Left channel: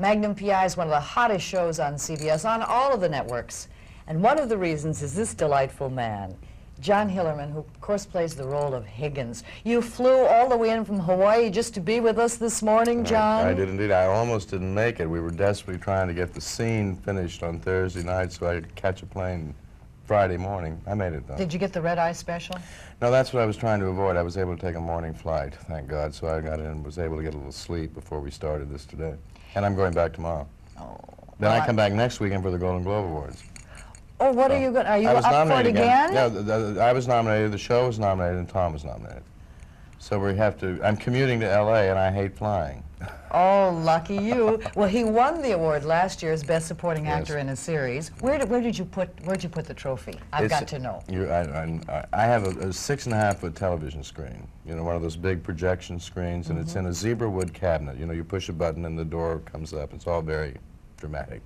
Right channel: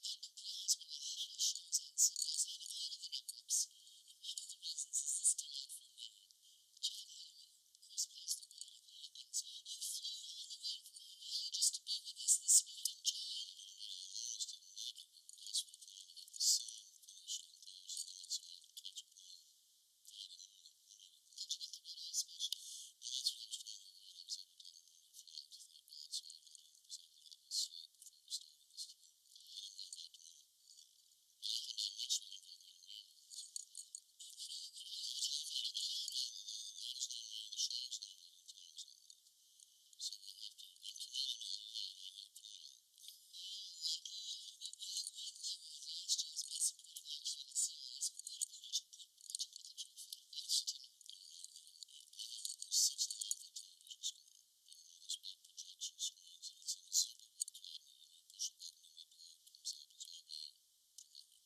Magnum PI is one of the hottest shows on CBS, on all of the networks. And one of the reasons is this delightful man, John Hillerman, who of course plays the role of Higgins. You flew all the way in from Hawaii just to be with us this morning, John? I did indeed. I almost didn't make it. We were desperately trying to get the scene finished on Thursday night so I could catch a plane Friday morning. I made it, though. Did you get the red-eye special? No, that's what I was trying to avoid. I was able to take a morning flight, thank God, so I got in and was able to get a little sleep before we started this today. And I'm going back tomorrow. Oh. Then I come back next weekend for the Golden Globe Awards. Oh, what are you going? Are you up for it again? Yeah, I was nominated, the show was nominated, and Tom was nominated. So we have to, I'm commuting to L.A., and I hate flying. Oh, lucky you. Well, he won the award last year as Best Supporting Actor in a Series. Where'd you put the trophy? I've got to know. I have a 6.5-foot television screen, you know, one of those big projection screens, and it's in a zebra wood cabinet. You know, you push a button and the door comes up. It's all very dramatic.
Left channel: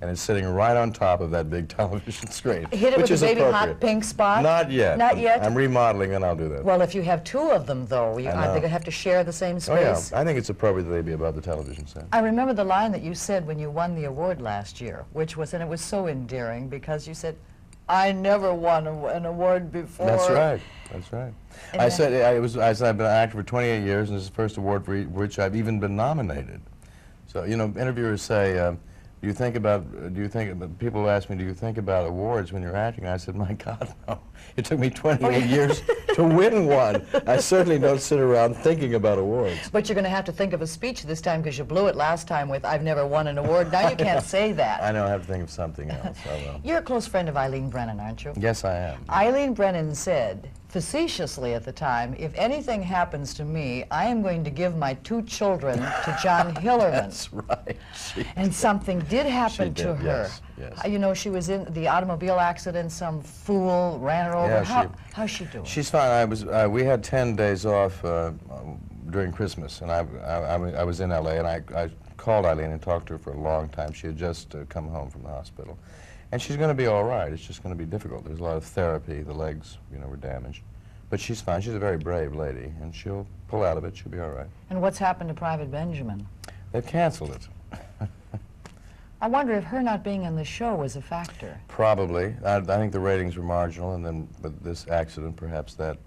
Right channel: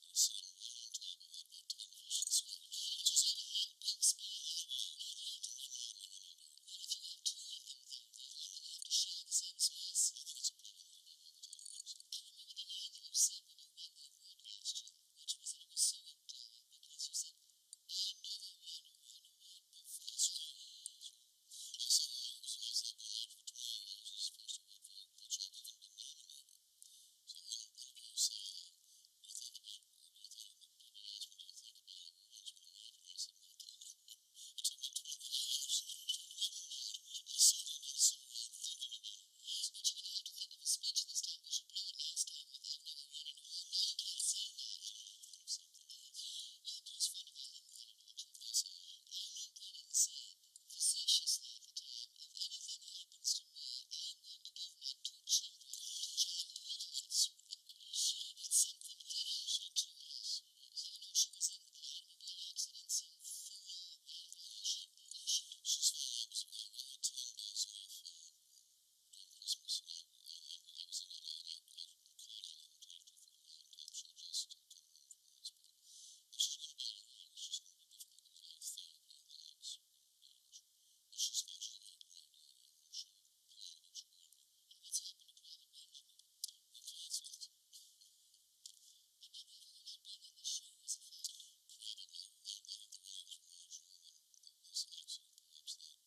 And it's sitting right on top of that big television screen. Hit it with a baby hot pink spot? Not yet. Not yet? I'm remodeling and I'll do that. Well, if you have two of them, though, aren't they going to have to share the same space? Oh, yeah. I think it's appropriate that they be above the television set. I remember the line that you said when you won the award last year, which was, and it was so endearing, because you said, I never won an award before. That's right. That's right. I said I've been an actor for 28 years, and this is the first award for which I've even been nominated. So, you know, interviewers say, people ask me, do you think about awards when you're acting? I said, my God, no. It took me 28 years to win one. I certainly don't sit around thinking about awards. But you're going to have to think of a speech this time, because you blew it last time with, I've never won an award. Now you can't say that. I know, I have to think of something else. I will. You're a close friend of Eileen Brennan, aren't you? Yes, I am. Eileen Brennan said, facetiously at the time, if anything happens to me, I am going to give my 2 children to John Hillerman. That's right. And something did happen to her. Yes, yes. You know, she was in the automobile accident. Some fool ran her over. Yeah, how's she doing? She's fine. We had 10 days off during Christmas, and I was in L.A., and I called Eileen and talked to her for a long time. She had just come home from the hospital. And she's going to be all right. It's just going to be difficult. There's a lot of therapy. The legs, you know, were damaged. But she's fine. She's a very brave lady, and she'll pull out of it. She'll be all right. And what's happened to Private Benjamin? They've canceled it. I wonder if her not being in the show was a factor. Probably. I think the ratings were marginal, and then with this accident, perhaps that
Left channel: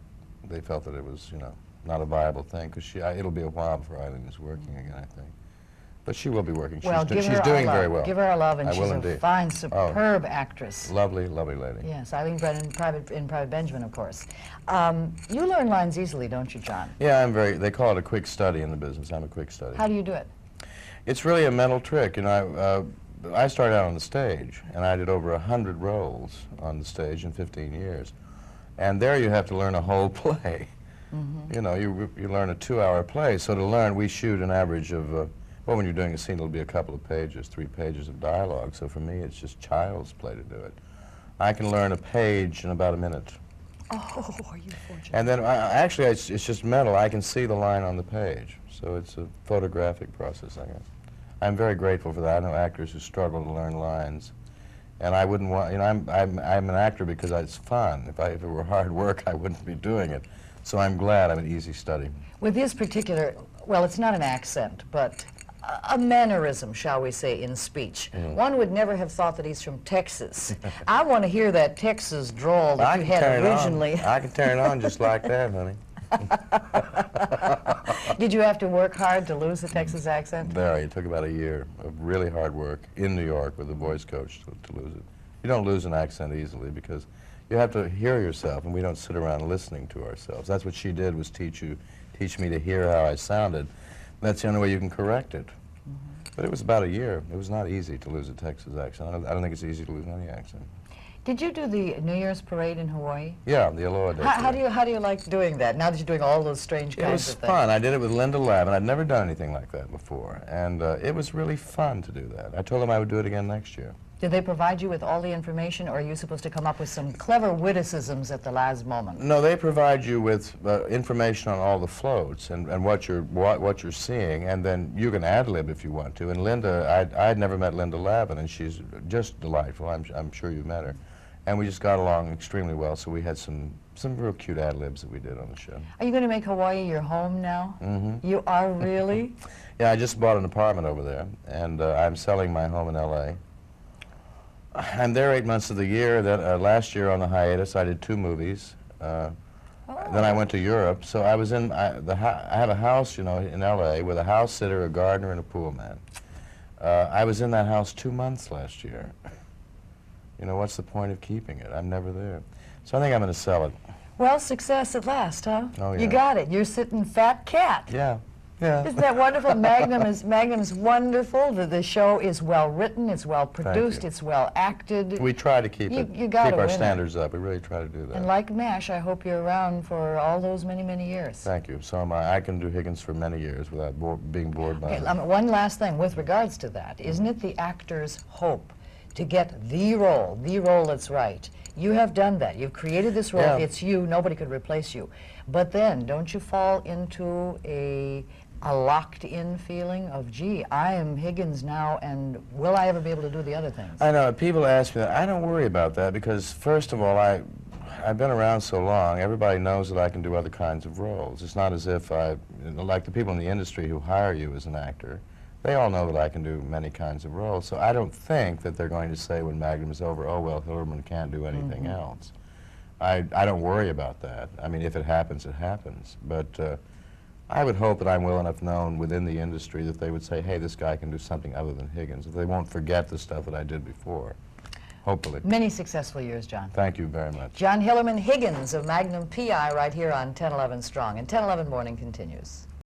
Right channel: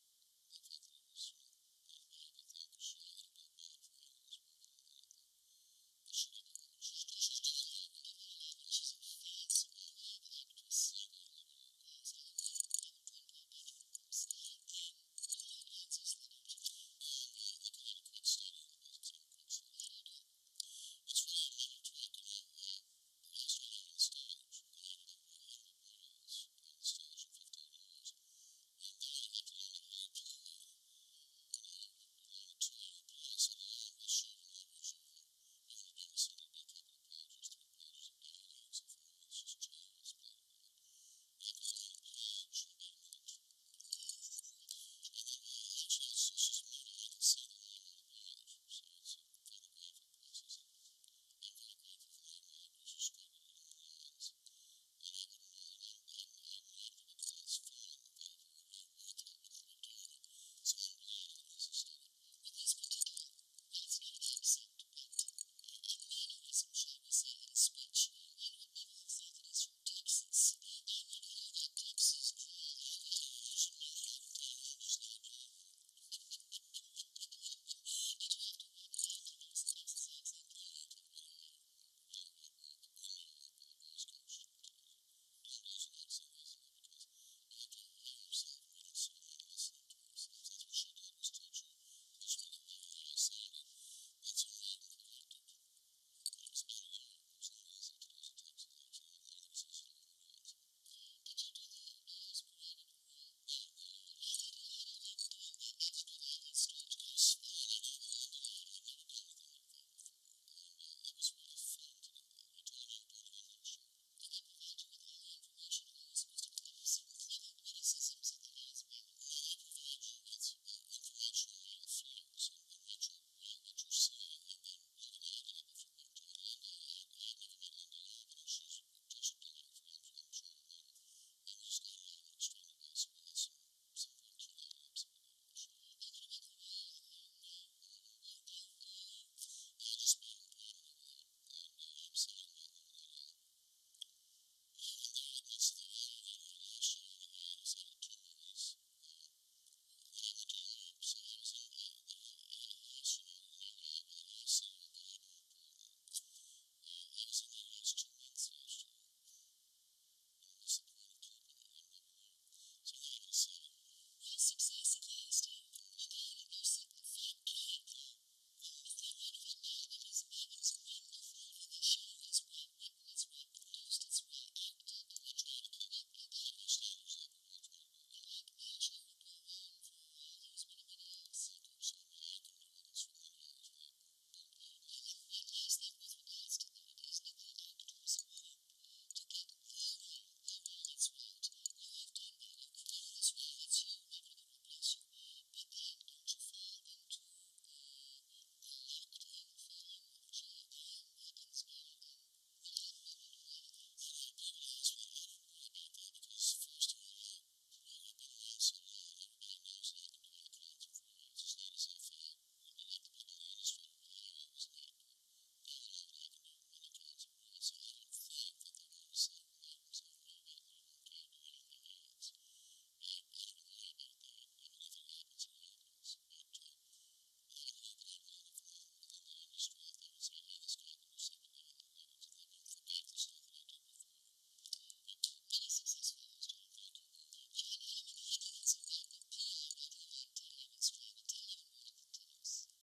they felt that it was, you know, not a viable thing, because it'll be a while before Eileen is working again, I think. But she will be working. She's doing very well. Give her a love, and she's indeed. A fine, superb actress. Lovely, lovely lady. Yes, Eileen Brennan in Private Benjamin, of course. You learn lines easily, don't you, John? Yeah, they call it a quick study in the business. I'm a quick study. How do you do it? It's really a mental trick. You know, I started out on the stage, and I did over 100 roles on the stage in 15 years. And there you have to learn a whole play. You know, you learn a 2-hour play. So to learn, we shoot an average of, well, when you're doing a scene, it'll be a couple of pages, 3 pages of dialogue. So for me, it's just child's play to do it. I can learn a page in about a minute. Oh, are you fortunate? And then, actually, it's just mental. I can see the line on the page. So it's a photographic process, I guess. I'm very grateful for that. I know actors who struggle to learn lines. And I wouldn't want, you know, I'm an actor because it's fun. If it were hard work, I wouldn't be doing it. So I'm glad I'm an easy study. With his particular, well, it's not an accent, but a mannerism, shall we say, in speech. One would never have thought that he's from Texas. I want to hear that Texas drawl that you had originally. I can turn it on just like that, honey. Did you have to work hard to lose the Texas accent? Very. It took about a year of really hard work in New York with a voice coach to lose it. You don't lose an accent easily because you have to hear yourself, and we don't sit around listening to ourselves. That's what she did, was teach me to hear how I sounded. That's the only way you can correct it. But it was about a year. It was not easy to lose a Texas accent. I don't think it's easy to lose any accent. Did you do the New Year's parade in Hawaii? Yeah, the Aloha Day. How do you like doing that, now that you're doing all those strange kinds of things? It was fun. I did it with Linda Lavin. I'd never done anything like that before. And it was really fun to do that. I told them I would do it again next year. Did they provide you with all the information, or are you supposed to come up with some clever witticisms at the last moment? No, they provide you with information on all the floats and what you're seeing, and then you can ad-lib if you want to. And Linda, I'd never met Linda Lavin, and she's just delightful. I'm sure you've met her. And we just got along extremely well, so we had some some real cute ad-libs that we did on the show. Are you going to make Hawaii your home now? Mm-hmm. You are really? Yeah, I just bought an apartment over there, and I'm selling my home in L.A. I'm there 8 months of the year. Then last year on the hiatus, I did 2 movies. Then I went to Europe. So I was in I have a house, you know, in L.A. with a house sitter, a gardener, and a pool man. I was in that house 2 months last year. You know, what's the point of keeping it? I'm never there. So I think I'm going to sell it. Well, success at last, huh? Oh, yeah. You got it. You're sitting fat cat. Yeah. Yeah. Isn't that wonderful? Magnum's wonderful. The show is well written, it's well produced, it's well acted. We try to keep keep our standards up. We really try to do that. And like MASH, I hope you're around for all those many, many years. Thank you. So am I. I can do Higgins for many years without being bored by it. One last thing with regards to that. Isn't it the actor's hope to get the role that's right? You have done that. You've created this role. Yeah. It's you. Nobody could replace you. But then, don't you fall into a locked-in feeling of, gee, I am Higgins now, and will I ever be able to do the other things? I know. People ask me that. I don't worry about that because, first of all, I've been around so long, everybody knows that I can do other kinds of roles. It's not as if like the people in the industry who hire you as an actor, they all know that I can do many kinds of roles. So I don't think that they're going to say when Magnum is over, oh, well, Hillerman can't do anything else. I don't worry about that. I mean, if it happens, it happens. But I would hope that I'm well enough known within the industry that they would say, hey, this guy can do something other than Higgins. That they won't forget the stuff that I did before. Hopefully. Many successful years, John. Thank you very much. John Hillerman Higgins of Magnum PI right here on 1011 Strong. And 1011 Morning continues.